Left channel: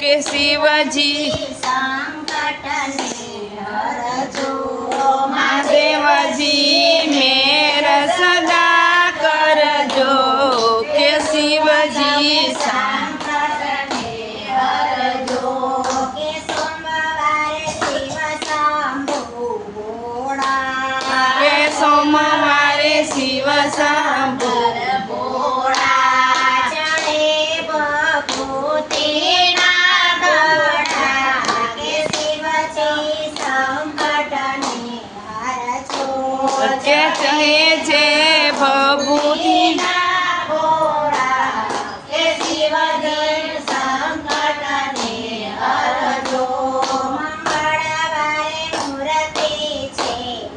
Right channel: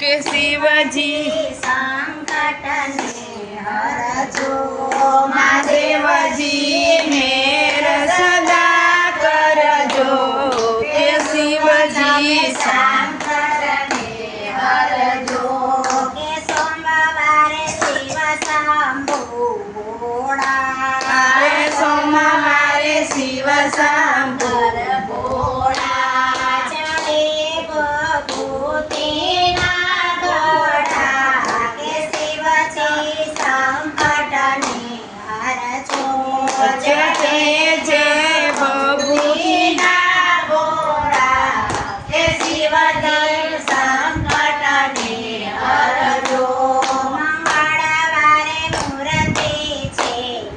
કે શિવજી સંકટને હરજો મહાદેવજી મેર સદા કરજો કે શિવજી શંકરને હરજો કે સોમવારે શિવ શંભુ ભોળા કે સોમવારે શિવ શંભુ ભોળા ચડે ભભૂતિના ગળા કે શિવજી સંકટને હરજો કે કહે છે ભભૂતિના ભોળા કે શિવજી સંકટને હરજો મંગળવારે મૂર્તિ છે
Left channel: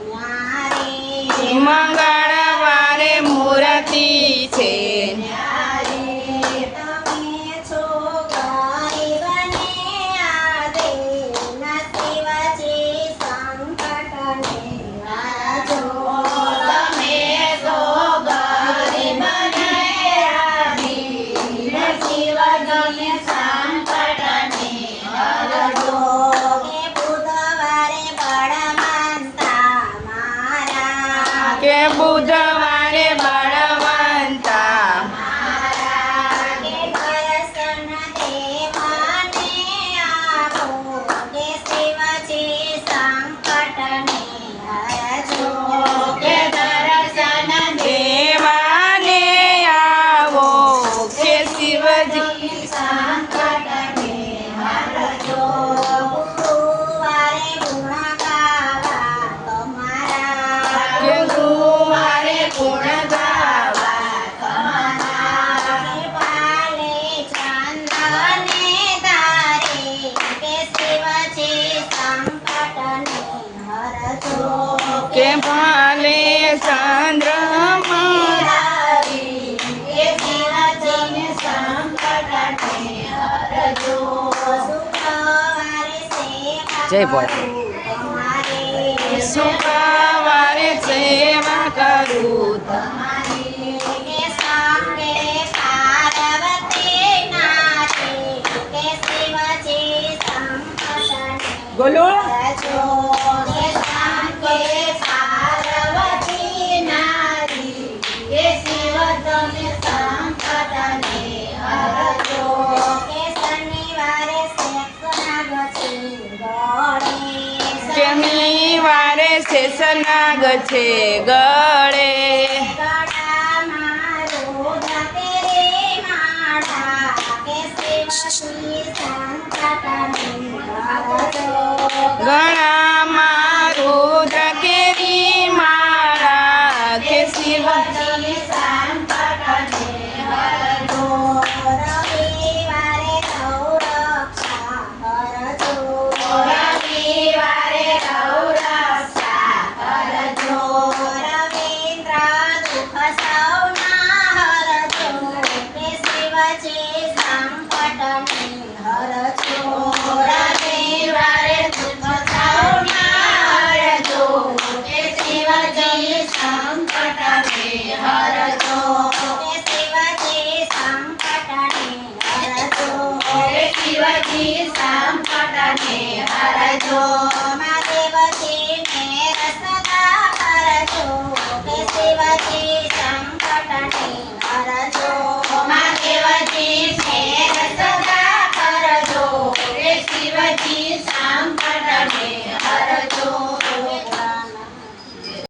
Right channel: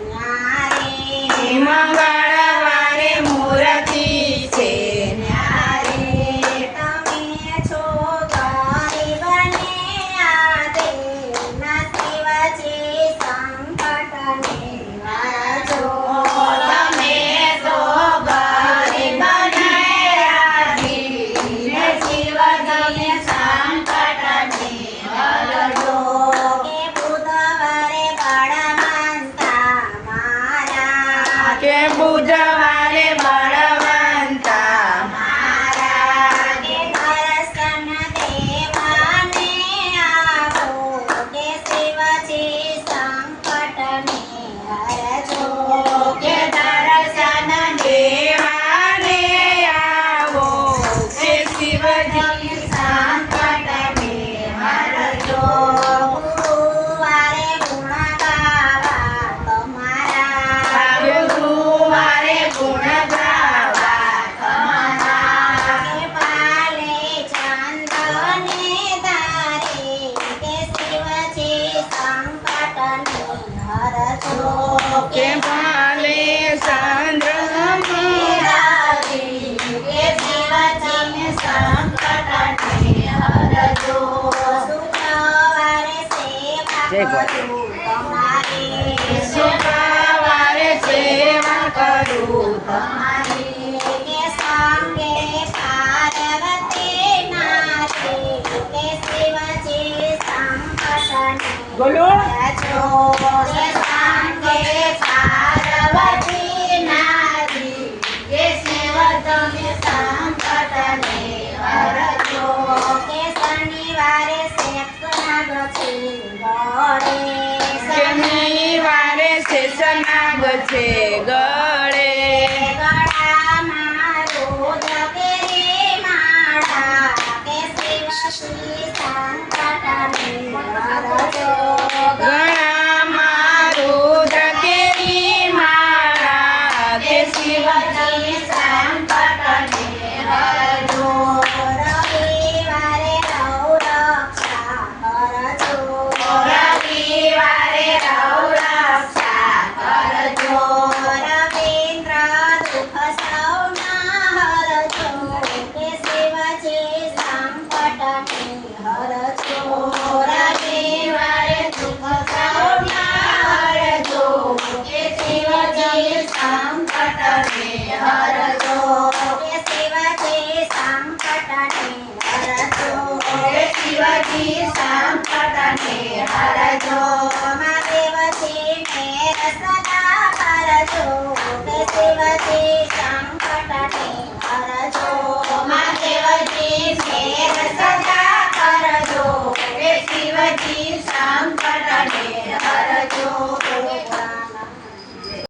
ન્યારે મંગળવારે મૂર્તિ છે ન્યારે તમે છો ગરીબને આદેના શિવજી સંકટને હરજો તમે છો ગરીબને આદેના શિવજી સંકટને હરજો કે બુધવારે બળવંતા મારા કે બુધવારે બળવંતા મારા કે દર્શન દેવાને આવો કે શિવજી સંકટને હરજો કે દર્શન દેવાને આવો કે શિવજી સંકટને હરજો ગુરુવારે ગુણ ગાવા તમારા કે ગુરુવારે ગુણ ગાવા તમારા પાલે ચંદ્રને ધારે કે શિવજી સંકટને હરજો કે ભાલે ચંદ્રમા કે શિવજી સંકટને હરજો શુક્રવારે જય ભોળા. તમારે શુક્રવારે સેવા કરું તમારી કે સંગે પાર્વતી નાચે કે શિવજી સંકટને બોલો હરજો કે સંગે પાર્વતી નારી કે શિવજી સંકટને હરજો કે શનિવારે શેષનાગ છે ગળે શનિવારે શેષનાગ છે ગળે ગળામાં રુદ્ર કેરી માળા કે શિવજી સંકટને હરજો ગળામાં રુદ્ર કેરી માળા કે શિવજી સંકટને હરજો રવિવારે રક્ષા હરજો રવિવારે રક્ષા હરજો રવિન્દ્ર દુઃખ સૌના હરજો કે શિવજી સંકટને હરજો રવિવારે દુઃખ સૌના હરજો કે શિવજી સંકટને હરજો કે શિવજી સંકટને હરજો કે શિવજી સંકટને હરજો મહાદેવજી મેર સદા કરજો કે શિવજી સંકટને હરજો મહાદેવજી મેર સદા કરજો કે શિવજી